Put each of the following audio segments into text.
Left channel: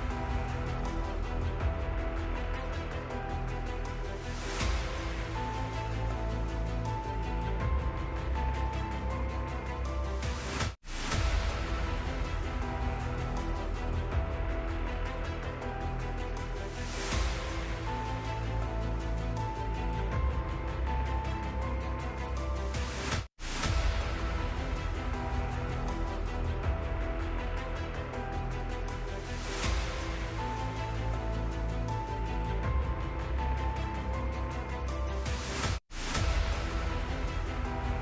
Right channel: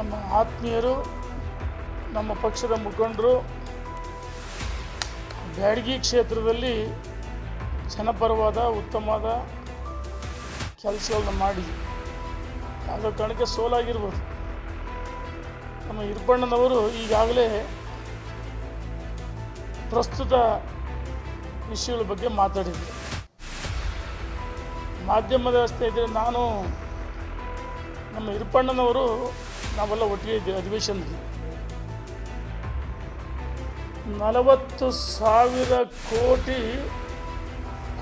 ನಮ್ಮ ಆತ್ಮೀಯರು, ನಮ್ಮ ಪಕ್ಷದ ಮುಖಂಡರು, ಬ್ಯಾಡಗಿ ಕ್ಷೇತ್ರದಲ್ಲಿ ಜನಪರವಾದ ಉತ್ತಮವಾದ ಕೆಲಸಗಳನ್ನ ಮಾಡಿ. ಅದರ ಕಾರಣಕ್ಕೆ ಸೋಲಾಗಿರ್ಬೋದು. ನಮ್ಮ ಹಿರಪಣ್ಣನವರು ಈಗಾಗಲೇ ಪ್ರಸ್ತುತ ವಿಷಯಗಳ ಬಗ್ಗೆ ಮಾತಾಡಿದ್ರು. ಮಾಧ್ಯಮದ ಇದ್ದರೆ ನಾನು ನಮ್ಮ ಹಿರಪಣ್ಣನವರು ನಾವೆಲ್ಲ ಒಟ್ಟಿಗೆ ಅಧಿವೇಶನ ನಲವತ್ತು ಸಾವಿರ ಕೋಟಿ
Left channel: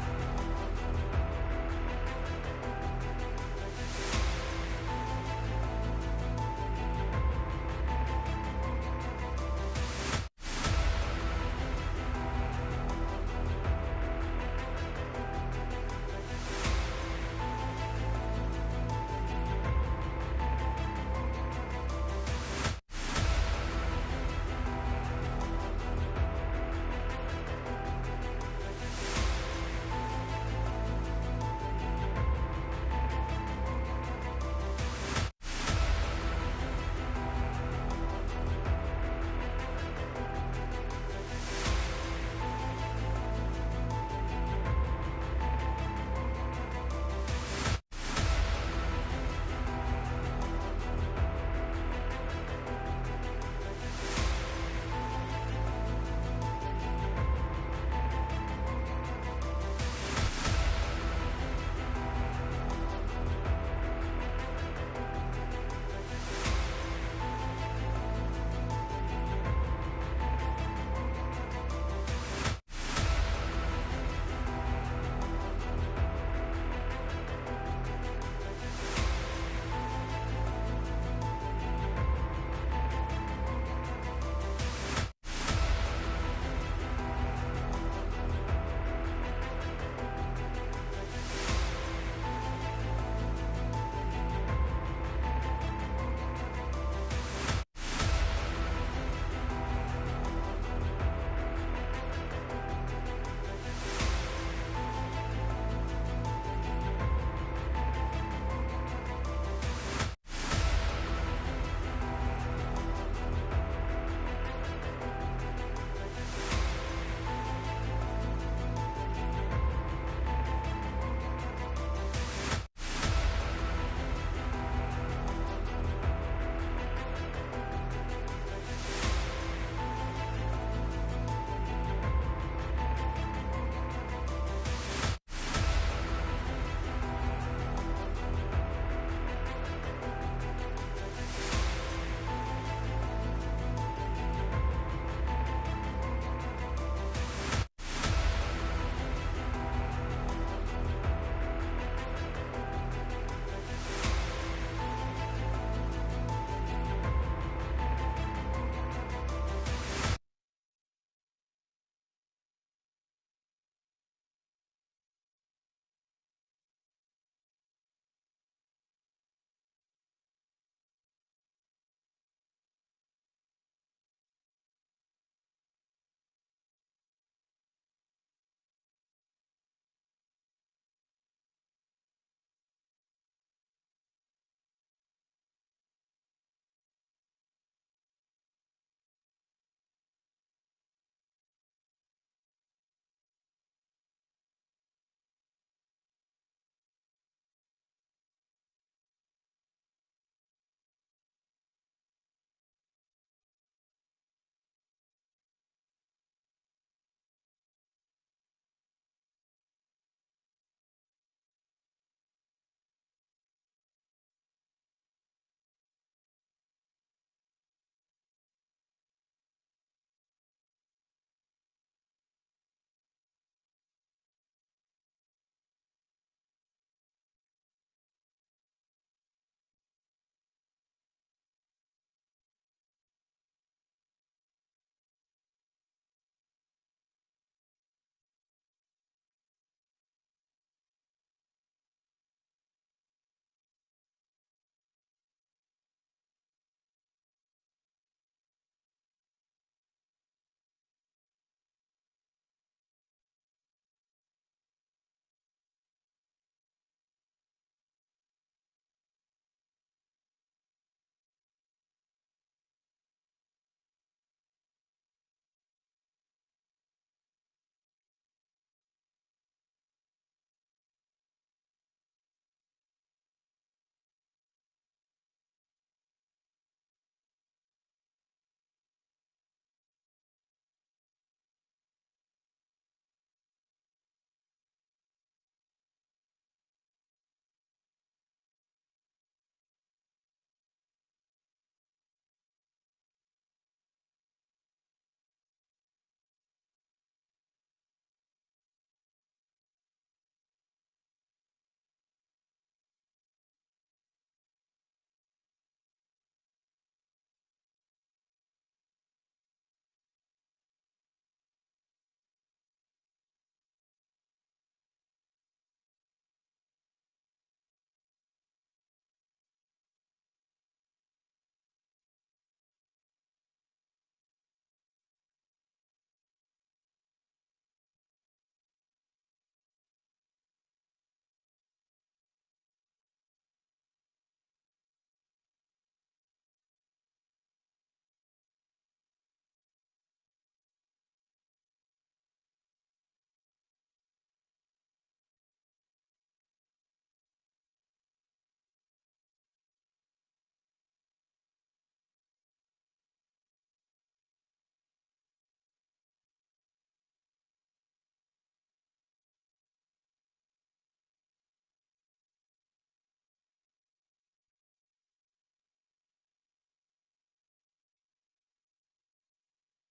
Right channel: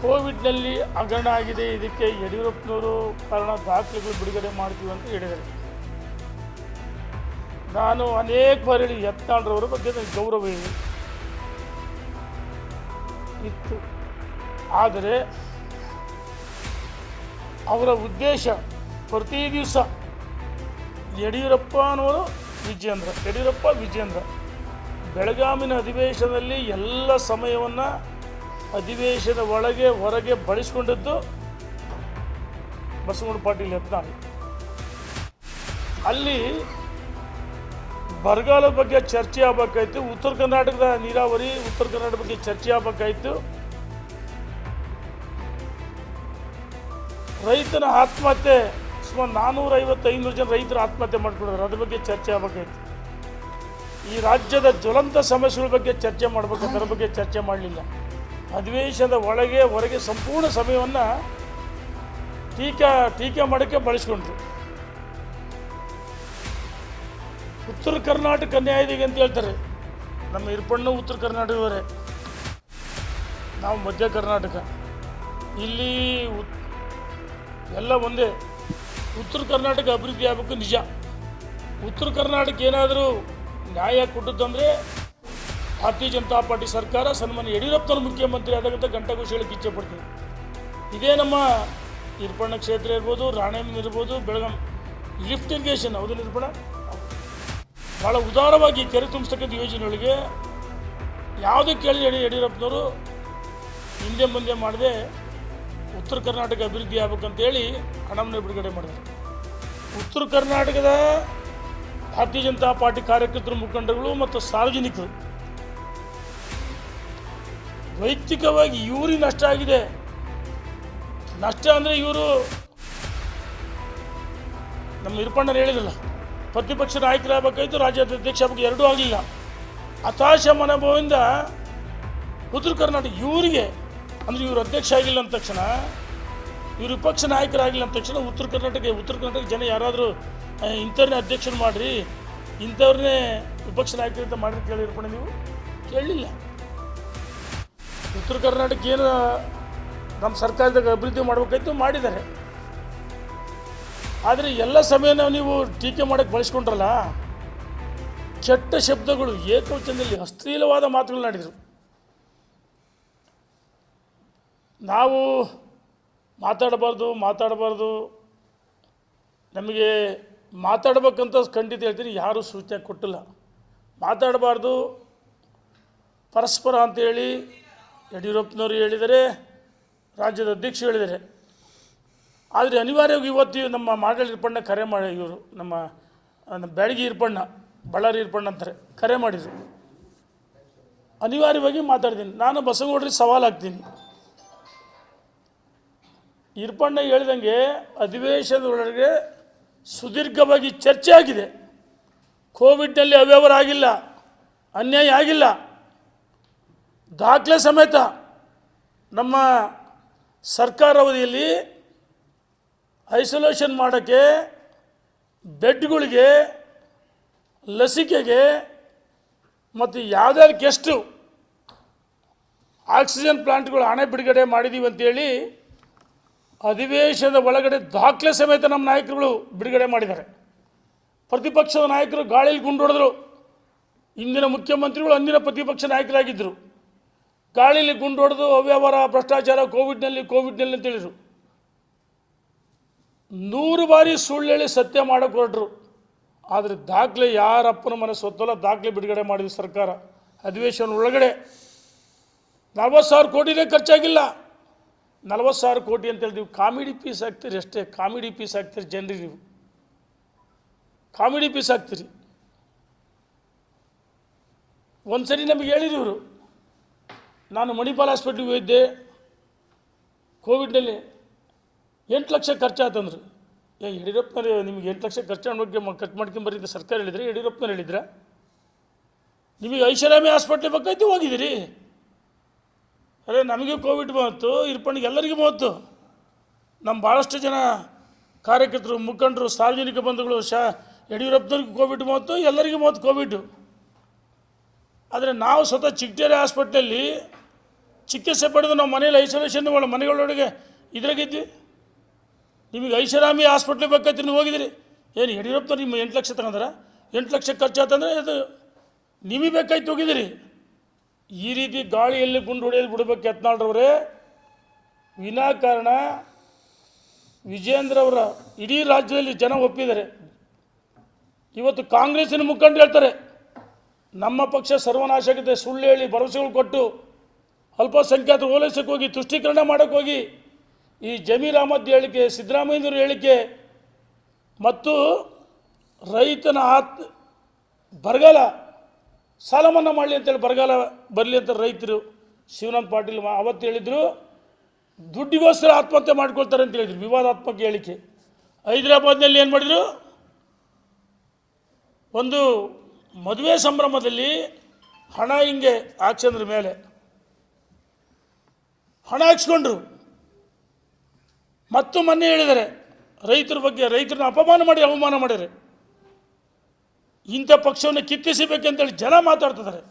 ಕೋವಿಡ್ನಲ್ಲಿ ಹಗರಣ ಆಗಿದೆ. ಇದಕ್ಕೆ ಯಡಿಯೂರಪ್ಪನವರು ಕಾರಣ ದಾಖಲೆಗಳು ಬಿಡುಗಡೆ ಮಾಡ್ತೀವಿ ಅಂತ ಹೇಳಿದರು ನಾನು ಅನೇಕ ಬಾರಿ ಯತ್ನಾಳ್ರವರ ಬಗ್ಗೆ ನನಗೆ ಗೌರವ ಇತ್ತು. ಆದರೆ ಅವರ ಉದ್ದೇಶ ಪ್ರತಿ ದಿವಸ ಯಡಿಯೂರಪ್ಪನವರು ವಿಜೇಂದ್ರ ಯಡಿಯೂರಪ್ಪ ವಿಜೇಂದ್ರ ಬೆಳಗಾವಿನ ಅಧಿವೇಶನದಲ್ಲಿ ಎಲ್ಲ ಸಮಯವನ್ನು ಅಧಿವೇಶನ ಒಳಗೆ, ಹೊರಗೆ ಬಳಸ್ಕೊಂಡಿದ್ದು ಬಸವಣ್ಣ ಪಾಟೀಲ್ ಯತ್ನಾಳ್ ಅಲ್ಲಿ ಬರಗಾಲದ ಬಗ್ಗೆ ಚರ್ಚೆ ಆಗಬೇಕಾಯ್ತು. ಉತ್ತರ ಕರ್ನಾಟಕದ ನೀರಾವರಿ, ಉತ್ತರ ಕರ್ನಾಟಕ ಬಗ್ಗೆ ಚರ್ಚೆ ಆಗಬೇಕಾಯ್ತು. ರೈತನ ಆತ್ಮಹತ್ಯೆ ಸುಮಾರು ನಾನ್ನೂರ ಐವತ್ತು ಐನೂರು ಜನ ರೈತರು ಆತ್ಮಹತ್ಯೆ ಮಾಡ್ಕೊಂಡಿದ್ದಾರೆ. ಅದ್ರ ಬಗ್ಗೆ ಚರ್ಚೆ ಆಗಬೇಕಾಯ್ತು ಈ ರಾಜ್ಯದ ಜ್ವಲಂತ ಸಮಸ್ಯೆಗಳ ಬಗ್ಗೆ ಚರ್ಚೆ ಮಾಡಬೇಕು. ಅದರ ಬಗ್ಗೆ ಚರ್ಚೆ ಮಾಡಲಿಲ್ಲ. ಅಧಿವೇಶನದ ಒಳಗೆ, ಹೊರಗೆ ಸಂಪೂರ್ಣ ಸಮಯವನ್ನು ಟೀಕಾ, ಟೀಕೆ ಮಾಡೋಕ್ಕೆ ಬಳಸ್ಕೊಂಡ್ರು. ಉತ್ತರ ಕರ್ನಾಟಕ ನ್ಯಾಯದಿಗೆ ಅಂತ ಹೇಳ್ತಾರೆ. ನಮ್ಮ ಇರ್ಪಣ್ಣು ಉತ್ತರ ಕರ್ನಾಟಕದವರೇ. ನಾವು ಮಧ್ಯ ಕರ್ನಾಟಕ. ಇಲ್ಲಿ ಎಲ್ಲ ಒಂದೇ. ಉತ್ತರ ಕರ್ನಾಟಕ ಅಭಿವೃದ್ಧಿ ಆಗಬೇಕು ನಿಜ. ಉತ್ತರ ಕರ್ನಾಟಕ ಏನಾದರೂ ನ್ಯಾಯ ಕೊಟ್ಟದ್ದಂದರೆ ಭಾರತೀಯ ಜನತಾ ಪಾರ್ಟಿ ಸರ್ಕಾರ ಸನ್ಮಾನ್ಯ ಯಡಿಯೂರಪ್ಪನ ಮುಖ್ಯಮಂತ್ರಿ ಆದಾಗಂತ ಗಂಟಘೋಷ ಹೇಳಕ್ಕೆ ಇಚ್ಛೆ ಪಡ್ತೀನಿ. ಇದೇ ನಮ್ಮ ನಿರ್ಪಣ ಕ್ಷೇತ್ರ ಇರ್ಬೋದು ರಾಣೇಮ್ ಇರ್ಬೋದು, ಬೆಳಗಾಂ. ಲಿಫ್ಟ್ ಇರಿಗೇಷನ್ ಹೌದು ನಿರ್ಪಣ ಭಾಳ ಉದಾರವಾಗಿ ಕೆರೆ ತುಂಬಿಸ್ತಕ್ಕಂಥ ಯೋಜನೆಗಳಿಗೆ ಯಾವುದೇ ಕೇಳಿ ಯಡಿ, ಯಡಿಯೂರಪ್ಪನವರು ಹಿಂದೆ ಮುಂದೆ ಮಾಡದೆ ಉತ್ತರ ಕರ್ನಾಟಕ ಅಭಿವೃದ್ಧಿ ಆಗ್ಬೇಕಂತೇಳಿ ಹಣವನ್ನು ಬಿಡುಗಡೆ ಮಾಡಿದ್ರು. ಉತ್ತರ ಕರ್ನಾಟಕದ ಭಾರತೀಯ ಜನತಾ ಪಾರ್ಟಿ ಕಾರ್ಯಕರ್ತರು ಮುಖಂಡಗಳು ಮತ್ತು ಸಾರ್ವಜನಿಕರು ವೈಯಕ್ತಿಕವಾಗಿ ಇವರಿಗೆ ನಷ್ಟ ಆಗಿದೆ. ನಷ್ಟ ಅಂದರೆ ಇವರು ನಮ್ಮ ಹಿರಪಣ್ಣರು ಹೇಳಿದಲ್ಲ ಪ್ರತಿಪಕ್ಷ ನಾಯಕರಾಗಬೇಕಾಯ್ತು, ರಾಜ್ಯಾಧ್ಯಕ್ಷ ಆಗಬೇಕು, ಎರಡೂ ಆಗಲಿಲ್ಲ. ಹತಾಶ ಮನೋಭಾವದಿಂದ ಉತ್ತರ ಕರ್ನಾಟಕ ಇವರಿಗೆ ಅಂದರೆ ಇವರು ಅಧ್ಯಕ್ಷ ಆಗಿಲ್ಲ ಅಂದ ತಕ್ಷಣ, ಇವರು ವಿಪಕ್ಷ ನಾಯಕರಾಗಿಲ್ಲ ಅಂದ ತಕ್ಷಣ ಉತ್ತರ ಕರ್ನಾಟಕ ಉತ್ತರ ಕರ್ನಾಟಕ ಜನ ಯಾರಾದರೂ ಇಂಥವ್ರನ್ನೇ ಅಧ್ಯಕ್ಷನ ಮಾಡಿರಿ ಇಂಥವ್ರನ್ನೇ ವಿಪಕ್ಷ ಅಂತ ಮಾಡಿ ಕೇಳಿರ್ಪಣ ನೀವು? ಕೇಳಲಿಲ್ಲ ಉತ್ತರ ಕರ್ನಾಟಕ ಏನು ನಮ್ಮ ಸರ್ಕಾರದಾಗ ಅಭಿವೃದ್ಧಿ ಮಾಡಬೇಕಾಯ್ತು ಮಾಡಿದ್ದಾರೆ. ಆದರೆ ಎಲ್ಲ ಸಮಯನ ನೀವು ಟೀಕೆ ಮಾಡೋಕ್ಕೆ ಬಳಸ್ಕೊಂಡ್ರಲ್ಲ, ಕೆಟ್ಟ ಶಬ್ದಗಳು ಏಕವಚನದಲ್ಲಿ ಅಶ್ಲೀಲವಾದ ಮಾತುಗಳನ್ನಾಡಿದರು ನಾವು ಮಾತಾಡಬಾರ್ದು ಮಾತಾಡಬಾರ್ದು. ನಮಗೆ ಮಾತಾಡ್ಬೇಕಂತ ಖಂಡಿತ ಹೇಳ್ತೀನಿ, ಯಾರೂ ಸೂಚನೆ ಕೊಟ್ಟಿಲ್ಲ. ಮಾತಾಡಬಾರ್ದು. ಪರಸ್ಪರ ಅಂತೇಳಿ ಯಡಿಯೂರಪ್ಪನವರು ಹೇಳಿದರೆ, ರಾಜ್ಯದ ಅಧ್ಯಕ್ಷರು ಹೇಳಿದ್ದಾರೆ ಆದರೆ ಅನಿವಾರ್ಯವಾಗಿ ಇವತ್ತು ನಮ್ಮ ಮಾಡಲ್ ಇರ್ಪಣ್ಣ ಕರೆ ಮಾಡಿ, ಇವರು ನಮ್ಮ ನಮ್ಮ ಇರ್ಪಣ್ಣ, ಬಳ್ಳಾರಿ ಇರ್ಪಣ್ಣ ಅಂತಾರೆ, ಕರೆ ಮಾಡಿದರು. ಅನಿವಾರ್ಯವಾಗಿ ಮಾತಾಡ್ತೀನಿ. ನಾನು ಬಸವಗೌಡರಿಗೆ ಹಾಕ್ತೀನಿ. ಇರ್ಪಣ್ಣ ಹೇಳಿದಂಗೆ ಅಧಿವೇಶನದೊಳಗೆ ಸುದೀರ್ಘವಾಗಿ ಚರ್ಚೆ ಆಗಿದೆ. ಕೋವಿಡ್ನಲ್ಲಿ ಅವ್ಯವರ ಆಗಿಲ್ಲ, ಅನ್ಯಾಯ ಆಗಿಲ್ಲ. ದಾಖಲೆ ಸಮೇತ ನಮ್ಮ ಸರ್ಕಾರ ಅವಧಿಯಲ್ಲಿ ಐಸೋಲೇಷನ್ ಮಾಡೋಕ್ಕೆ ಬೆಡ್ಗಳಿಗೆ, ಲಸಿಕೆಗೆ ಮತ್ತು ಯಾವುದ್ಯಾವ್ದು ಗೆಸ್ಟು ಆಕ್ಸಿಜನ್ ಪ್ಲಾಂಟ್ಗಳು ಹಣ ಬಿಡುಗಡೆ ಮಾಡಿದ್ದೀವಿ ಅಂತೇಳಿ ಅಧಿವೇಶನದ ಒಳಗಡೆ ದಾಖಲೆ ಸಮೇತ ನಮ್ಮ ನಾಯಕರುಗಳು ಬಿಡುಗಡೆ ಮಾಡಿದ್ದಾರೆ. ಪ್ರತಿಪಕ್ಷದ ನಾಯಕರು ಗಾಳಿಯಲ್ಲಿ ಗುಂಡೊಡೆದ್ರು. ಇಂದಿನ ಮುಖ್ಯಮಂತ್ರಿಗಳು ಅಂದಿನ ಪ್ರತಿಪಕ್ಷ ನಾಯಕರಾಗಿದ್ದರು. ಗಾಳಿಯಲ್ಲಿ ಗುಂಡೊಡೆದು ಅವ್ಯವಹಾರ, ಭ್ರಷ್ಟಾಚಾರ, ಕೋವಿಡ್ನಲ್ಲಿ ಕೋವಿಡ್ನಲ್ಲಿ ಅಂತ ಹೇಳಿದರು. ನೂರು ಬಾರಿ ಸುಳ್ಳು ಹೇಳಿ ಸತ್ಯ ಮಾಡಕ್ಕೆ ಹೊರಟರು. ಆದರೆ ದಾಖಲೆ ಯಾರಪ್ಪನ ಮನಸ್ಸು ಹೊತ್ತಲ್ಲ, ದಾಖಲೆ ಬಿಡುಗಡೆ ಮಾಡಿದ ಸರ್ಕಾರ. ಅಧಿವೇಶನ ಒಳಗಡೆ ನಲ್ವತ್ತು ಸಾವಿರ ಕೋಟಿನೇ ಖರ್ಚಾಗಿಲ್ಲ. ನಲ್ವತ್ತು ಸಾವಿರ ಕೋಟಿ ಅಂತ ಹೇಳಿದೀವಿ ನೀವು ಕಾಮಿಡಿ ಪೀಸ್ ಹಾಕ್ತೀರಿ ಅಷ್ಟೇ, ಕಾಮಿಡಿ ಪೀಸ್ ಹಾಕ್ತೀರಿ ಜನರಿಗೆ ನೀವು. ಕಾಮಿಡಿ ಪೀಸ್ ಹಾಕ್ತೀರಿ. ಒಂದು ಸರಿ ನಮಗೆ ಇವರು, ನಾನು ಮಣಿಪಾಲ್ ಹಾಸ್ಪಿಟ್ಲಿಗೆ ಹೋಗಿದ್ದೆ, ಕೋವಿಡ್ನಲ್ಲಿ ಎಂಟು ಲಕ್ಷ ಖರ್ಚಾತಂದ್ರು. ಏ, ಯಡಿಯೂರಪ್ಪನವ್ರೆ, ನಿಮಗೆ ಎಂಟು ಲಕ್ಷ ಖರ್ಚು ಬಗ್ಗೆ ಖರ್ಚು ಮಾಡ್ಕೊಂಬರಿ ಅಂತ ಸರ್ಕಾರ ಹೇಳಿದ್ರೆ, ಯಡಿಯೂರಪ್ಪನವ್ರು ಹೇಳಿದ್ರ? ನಿಮಗೆ ಐಷಾರಾಮಿ ಹಾಸ್ಪಿಟ್ಲ್ ಬೇಕಾಯ್ತು ಹೋಗಿದ್ದೀರಿ. ಅರೆ ನಮಗೆ ಕೋವಿಡ್ ಬಂತು, ಇರ್ಪಣ್ಣಿಗೆ ಎಲ್ಲರಿಗೂ ಬಂತು. ನಮ್ಮ ಭಾಳಷ್ಟು ಜನ ಕಾರ್ಯಕರ್ತರು, ಮುಖಂಡರು, ಸಾರ್ವಜನಿಕ ಬಂಧುಗಳು, ಶಾ, ಯಡಿಯೂರಪ್ಪನವ್ರಿಗೆ ಕೋವಿಡ್ ಬಂತು, ಎಲ್ಲರಿಗೂ ಬಂತು ಕೋವಿಡ್. ಆದರೆ ನಾವು ಸ್ವತಃ ಚಿಕ್ಕೇರಿ ಹಾಸ್ಪಿಟ್ಲಲ್ಲಿ ಚಿಕಿತ್ಸೆ ಪಡೆದು ನಾವು ಮನೇಲಿ ಐಸೋಲೇಷನ್ ಒಳ ಮನೆಗಳೊಳಗೆ ಇದ್ರಾಗಿದ್ವಿ. ನಿಮಗೆ ಐಷಾರಾಮಿ ಹಾಸ್ಪಿಟ್ಲಿಗೆ ಬೇಕಾಯ್ತು ನೀವು ಹೋಗಿದ್ರಿ. ಏನು ಯಡಿಯೂರಪ್ಪನವ್ರು ನಿಮ್ಮ ಎಂಟು ಲಕ್ಷ ತಗೊಂಡ್ರ? ಎಂಟು ಲಕ್ಷ ಖರ್ಚಾತಂದ್ರೆ ಅದು ನಿಮಗೆ ಬೇಕಾಯ್ತು ಹೋಗಿದ್ದೀರಿ ಈ ರೀತಿ ಗಾಳಿಯಲ್ಲಿ ಗುಂಡು ಹೊಡೆಯಲು ಬಿಡಬೇಕು ಯತ್ನಾಳ್ರವರೇ. ವಿನಾಕಾರಣ ವಿಜೇಂದ್ರ ಅವರ ಇಡೀ ರಾಜ್ಯದಲ್ಲಿ ಜನ ಒಪ್ಪಿದ್ದಾರೆ. ಇವತ್ತು ಕಾಂಗ್ರೆಸ್ಸಿನ ಮುಖಂಡರು ಹೇಳ್ತಾರೆ, ನಮ್ಮ ಪಕ್ಷ ಸರ್ವನಾಶಕತೆ ಸುಳ್ಳು ಹೇಳಿ ಭರವಸೆಗಳು ಕೊಟ್ಟು ಅಲ್ಪಸಂಖ್ಯಾತ ಓಲೈಸಕ್ಕೆ ಹೋಗಿ, ತುಷ್ಟೀಕರಣ ಮಾಡೋಕ್ಕೆ ಹೋಗಿ, ಈ ಜಮೀರ್ ಅಹಮದ್ ಹೇಳಿಕೆ, ಸಿದ್ದರಾಮಯ್ಯನವ್ರ ಹೇಳಿಕೆ ಮತ್ತು ರೈತನ ಆತ್, ಬರಗಾಲ ಸಾಲ ಮನ್ನಾ ಮಾಡಲಿ ಅಂತೇಳಿ ಬರಗಾಲ ಬರಲಿ ಅಂತ ರೈತರು ಶಿವನಾಥ್ ಪಾಟೀಲ್ ಅವತ್ತು ಹೇಳಿದರು, ದುಡ್ಡಿಗೋಸ್ಕರ ಆತ್ಮಹತ್ಯೆ ಮಾಡ್ಕೊಳ್ತಾರೆ ಅಂತ ಹೇಳಿದ್ರು, ವಿವಾದಾತ್ಮಕ ಹೇಳಿಕೆ. ಹೈದರಾಬಾದ್ನಲ್ಲಿ ಏನು ಮಾಡಿದರು? ಒಂದು ಮದುವೆ ಸಂಭ್ರಮದಲ್ಲಿ ಹಣ ಹಿಂಗೆ ಹಾಕ್ಸಂದ್ರ ಮೇಲೆ. ಹಣ ಹಾಕ್ಸ್ಕೊಂಡ್ರು. ಮತ್ತು ಮೊನ್ನೆ ಹೇಳಿದ್ದಾರೆ, ರೈತರ ಬಗ್ಗೆ, ರೈತರನ್ನ ಅಪಮಾನ ಮಾಡಿ, ಅವಮಾನ ಮಾಡಿದ್ದಾರೆ ಇಂಥ ಪಕ್ಷವನ್ನು ಕಿತ್ತಿಸಬೇಕಂತೇಳಿ ಜನ ಮಾತಾಡ್ತಿದ್ದಾರೆ.